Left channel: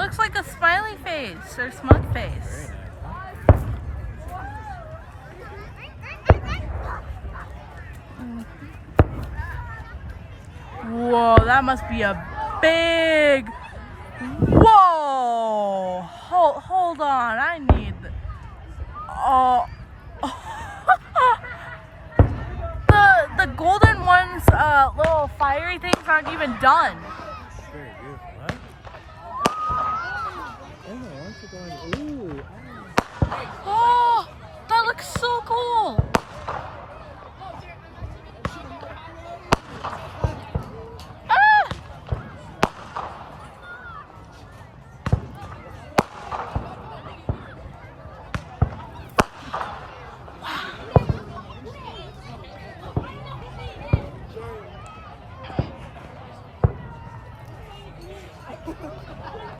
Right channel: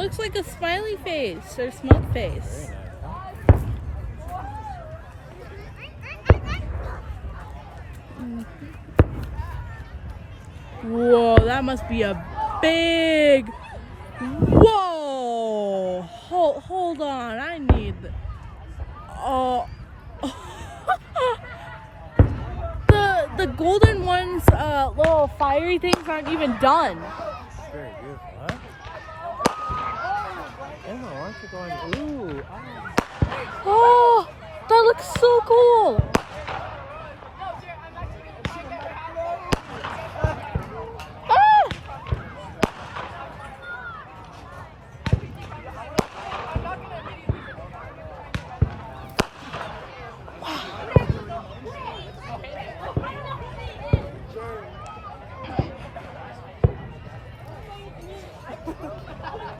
Looks like a smiley face or smug face. Whoa, that must be a big... Whoa! Hold on, I need... Oh... the golden one's little fiery things aren't even done. Very beautiful, huh? Emma, why aren't you going... Ooh! Oh, that looks so cool!